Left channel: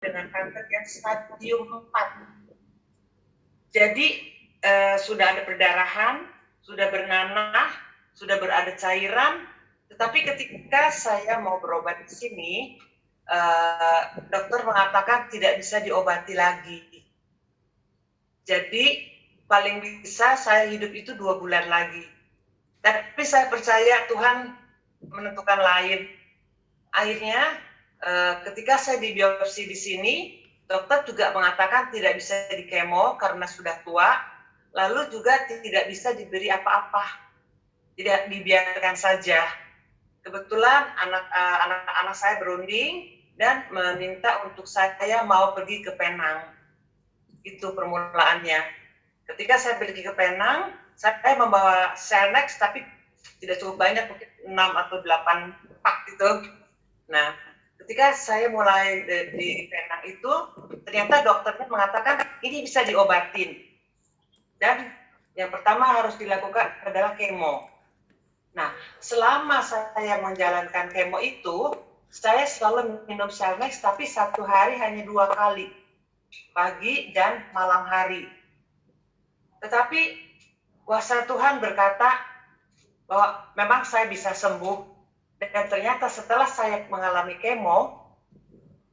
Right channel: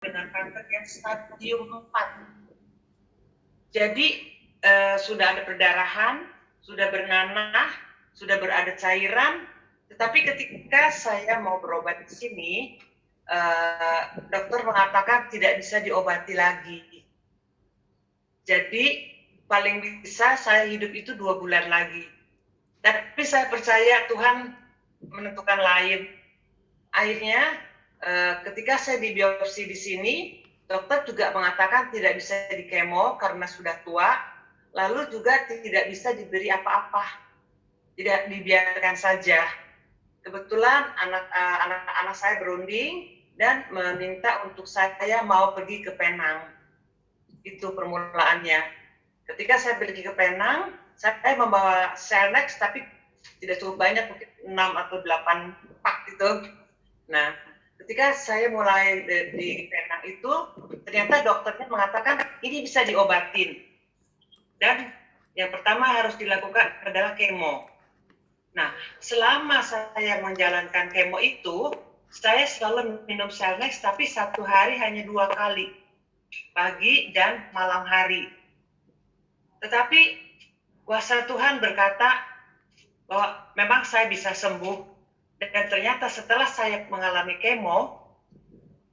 dengan kanker yang stadium 4. Jadi sudah ada perdarahan, sudah bernanah, sudah berada cairan, tetapi ketika saya mau berobat di sini, dokter mengatakan tidak bisa diobati lagi. Jadi paling bisa saya hidup itu 2 bulan lagi. Tapi saya percaya Tuhan menentukan lain. Akhirnya ketika saya dibiopsi di sini, dokter juga mengatakan tidak bisa dikemo karena sudah tua, lalu juga tidak bisa diberi apa-apa, tidak dibiarkan saja. Kebetulan anak-anak saya berunding dan meminta untuk saya mau pergi ke Penang. Itu permulaannya. Ketika saya pergi ke Penang, saya membawa Selnex tapi tidak cukup banyak, mungkin 6 atau 8 pak gitu. Nah, ketika saya mulai di Penang itu, ternyata dokternya mengatakan ini bisa diobatin. Dan yang pertama harus dilakukan adalah kemo. Nah, selama saya menjalankan kemo itu, saya selalu minum Selnex, tapi 1 hari hanya 2 kali, pagi dan malam hari. Tetapi kuasa Tuhan berkata bahwa memang saya bisa sembuh, dan ternyata setelah saya mengalami kemo,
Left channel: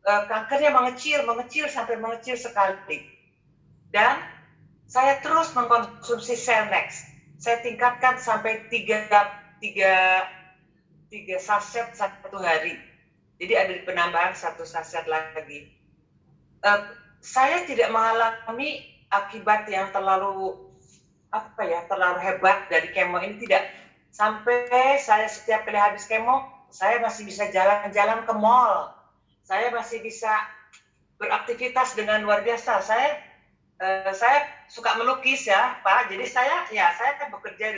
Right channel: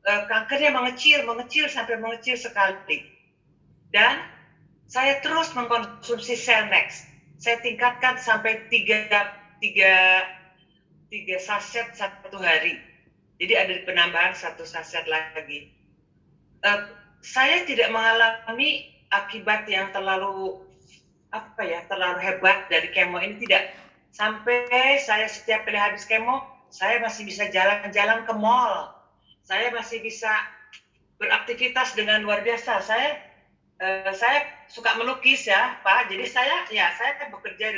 kankernya mengecil sampai mengecil sekali. Dan saya terus mengkonsumsi Selnex. Saya tingkatkan sampai 3 saset 1 hari. Jadi ada penambahan 1 saset lagi. Saya tidak mengalami akibat yang terlalu hebat dari kemo ini, tidak. Sampai saya setiap kali habis kemo, saya masih bisa jalan-jalan ke mall. Saya masih bisa beraktivitas dengan luar biasa. Saya suka melukis ya, Pak. Jadi saya bekerja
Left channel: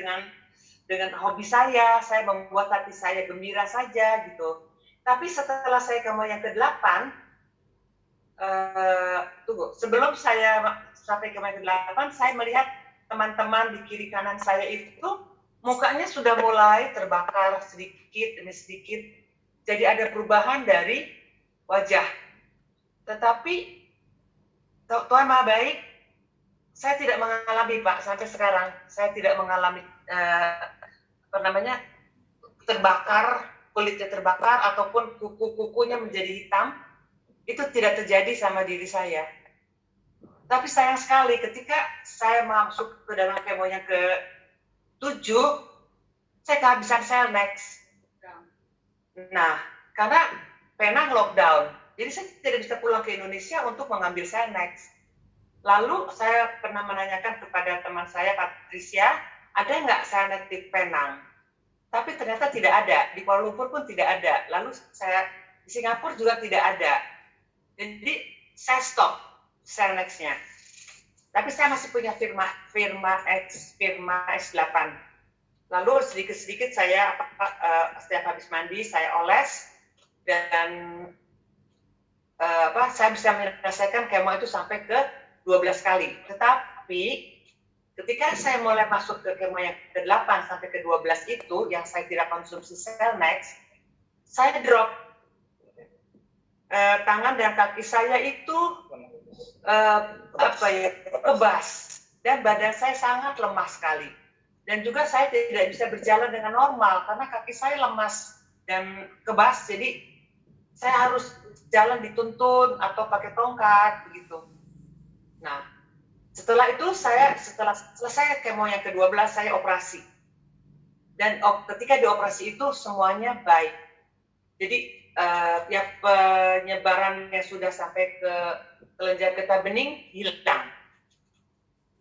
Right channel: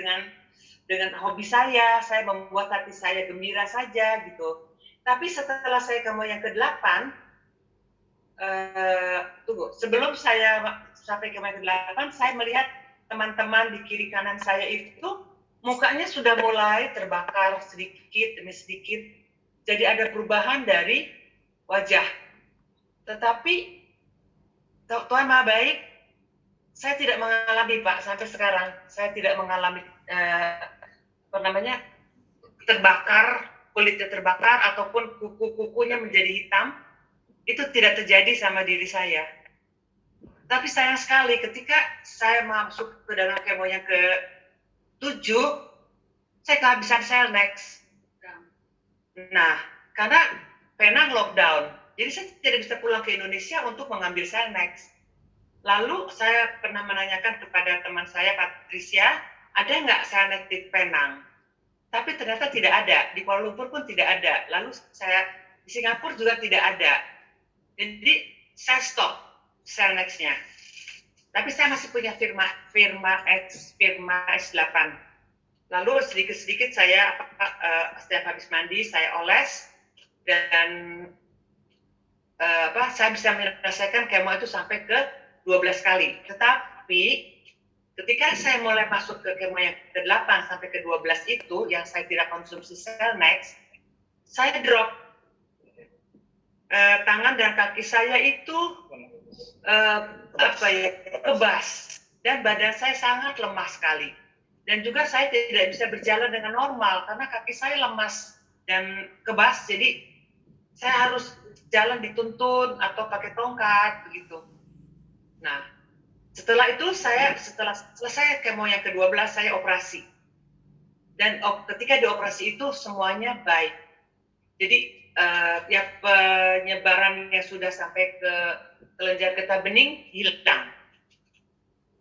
dengan hobi saya membuat hati saya gembira saja gitu. Tapi setelah saya kemo yang ke-8, sebelum saya sampai kemo yang ke-8, saya melihat teman-teman di kiri kanan saya itu mukanya sudah mulai terbakar sedikit demi sedikit. Jadi ada perubahan dari wajah. Tetapi Tuhan Maha Baik, saya tidak mengalami, Pak, sampai sekarang. Saya tidak mengalami terbakar, kulitnya terbakar ataupun kuku-kukunya menjadi hitam. Itu tidak terjadi sama diri saya. Tapi sayang sekali ketika saya masuk ke dalam kemo yang ke-7, saya kehabisan Selnex. Nah, karena Penang lockdown, jadi saya tidak bisa pulang ke Indonesia untuk mengambil Selnex. Lalu saya pernah menanyakan kepada teman saya, Patricia, ada nggak Selnex di Penang? Tapi ternyata tidak ada, di Kuala Lumpur pun tidak ada. Lalu di Singapura juga tidak ada. Jadi saya stop Selnex-nya. Tapi saya masih punya firma S8. Lalu sedikit-sedikit saya setiap habis mandi saya oles, dan saya bisa menyelesaikan kemo itu sampai ke 12 kali. Tetapi ketika saya mulai masuk ke kemo yang ke-8 sampai ke-12 itu, yang saya tidak konsumsi Selnex, saya drop. Tangan dan kaki saya itu kebas, dan badan saya sangat lemah sekali. Dan juga saya tidak bisa berjalan dengan normal karena kaki saya lemas dan kebas, jadi saya harus jalan dituntun atau pakai tongkat begitu. Nah, setelah itu setelah selesai kemo yang ke-12 saya operasi. Dan ketika dioperasi itu semuanya baik. Jadi penyebaran yang sudah sampai ke kelenjar getah bening hilang.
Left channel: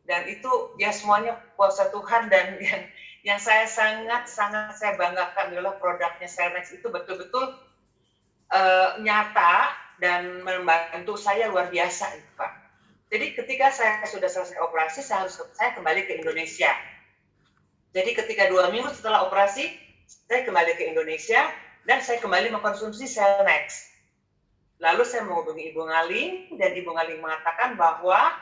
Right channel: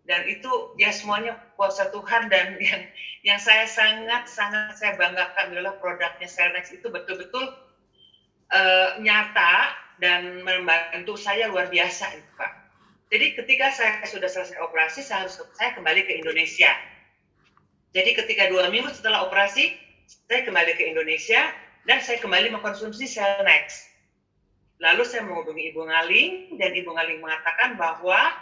Dan itu ya semuanya kuasa Tuhan, dan yang saya sangat saya banggakan adalah produknya Selnex itu betul-betul nyata dan membantu saya luar biasa, Pak. Jadi ketika saya sudah selesai operasi, saya kembali ke Indonesia. Jadi ketika 2 minggu setelah operasi, saya kembali ke Indonesia dan saya kembali mengkonsumsi Selnex. Lalu saya menghubungi Ibu Ngaling, dan Ibu Ngaling mengatakan bahwa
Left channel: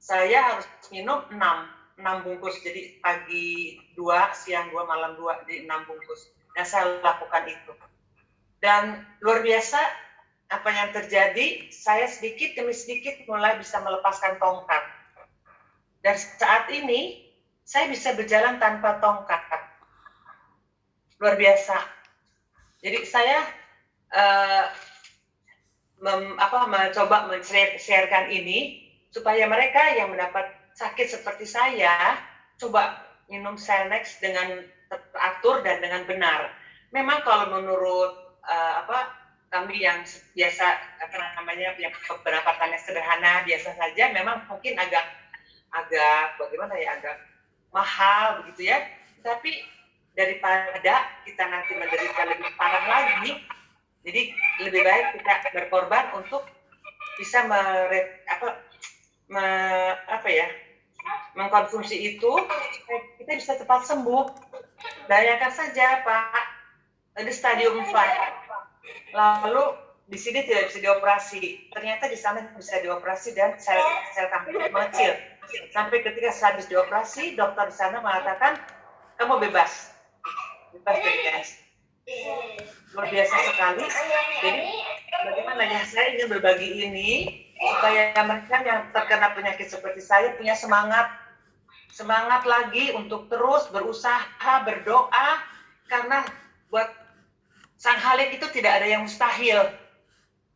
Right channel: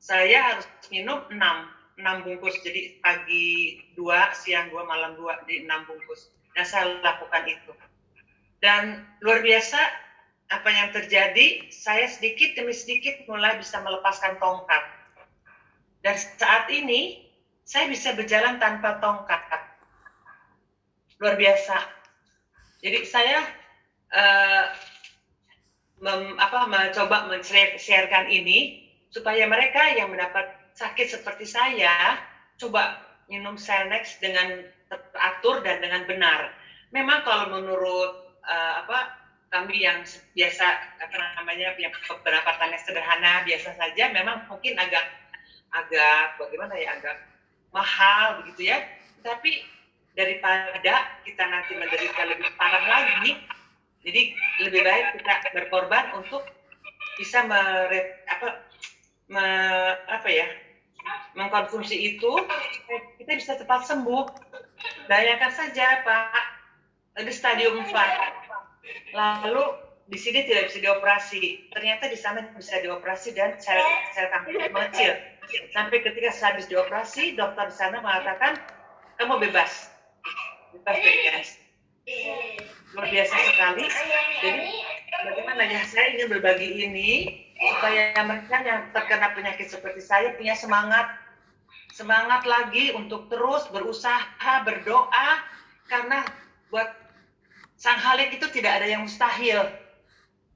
saya harus minum 6 bungkus. Jadi pagi 2, siang 2, malam 2, di 6 bungkus. Dan saya lakukan itu. Dan luar biasa, apa yang terjadi, saya sedikit demi sedikit mulai bisa melepaskan tongkat. Dan saat ini, saya bisa berjalan tanpa tongkat. Luar biasa. Jadi saya mencoba men-sharekan ini supaya mereka yang mendapat sakit seperti saya coba minum Selnex dengan teratur dan dengan benar. Memang kalau menurut kami yang biasa yang pendapatannya sederhana biasa saja, memang mungkin agak bagaimana ya, agak mahal begitu ya. Tapi daripada kita nanti menderita lebih parah lagi, jadi lebih baik kita berkorban untuk bisa mengkonsumsi itu, kita bisa cepat sembuh. Bayangkan saja Pak, di stadium 4, lalu di sini tidak bisa dioperasi. Ternyata di sana bisa dioperasi dan sel kanker mengecil. Sampai ketika habis dioperasi, dokter di sana mengatakan kamu bebas dari kanker. Luar biasa sekali. Jadi bagaimana ya, saya ingin berbagi ini supaya mereka yang terkena penyakit seperti saya punya semangat lagi untuk terus berusaha, berdoa, karena buat Sang Halik itu tidak ada yang mustahil.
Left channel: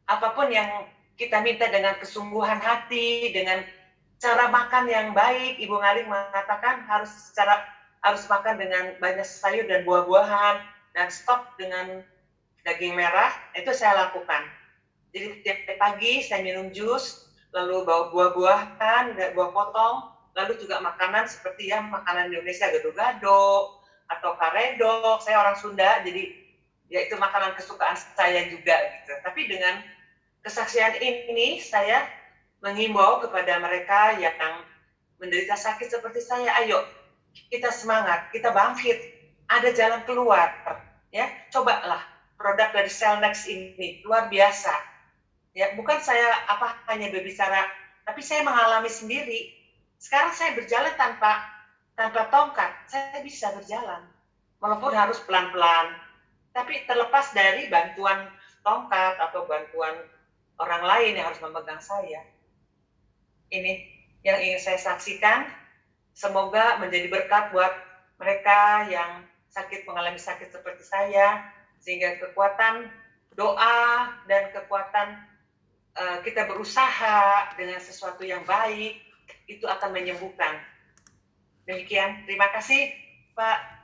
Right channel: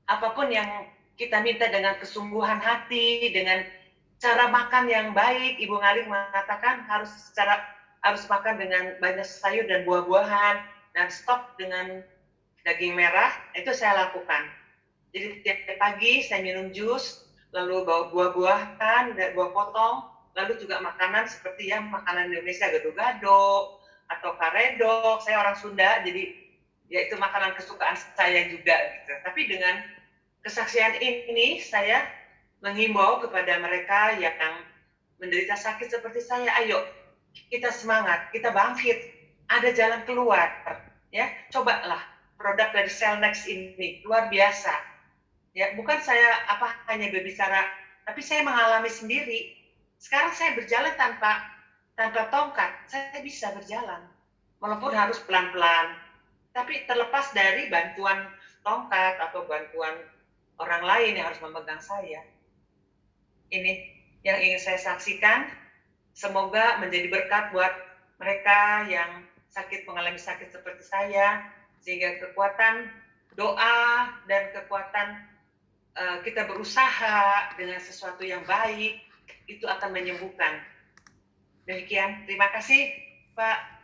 Apapun yang kita minta dengan kesungguhan hati, dengan cara makan yang baik, Ibu Ngalik mengatakan harus makan dengan banyak sayur dan buah-buahan, dan stop dengan daging merah. Itu saya lakukan. Jadi tiap pagi saya minum jus, lalu bawa buah-buahan, buah potong, lalu juga makanan seperti ya makanan Indonesia, gado-gado atau karedok. Saya orang Sunda, jadi ya itu makanan kesukaan saya juga gitu. Tapi dengan kesaksian ini saya menghimbau kepada mereka yang menderita sakit seperti saya, ayo kita semangat, kita bangkit, ada jalan keluar ya. Cobalah produk dari Selnex ini, luar biasa. Ya, bukan saya hanya berbicara, tapi saya mengalami sendiri. Sekarang saya berjalan tanpa tongkat, saya bisa berjalan. Walaupun harus pelan-pelan, tapi terlepas dari bantuan tongkat atau bantuan orang lain yang harus memegang saya. Ini yang ingin saya saksikan. Semoga menjadi berkat buat mereka yang mengalami sakit seperti saya, sehingga kekuatan doa dan kekuatan kita berusaha dengan sesuatu yang baik itu akan menyembuhkan. Demikian, terima kasih Pak.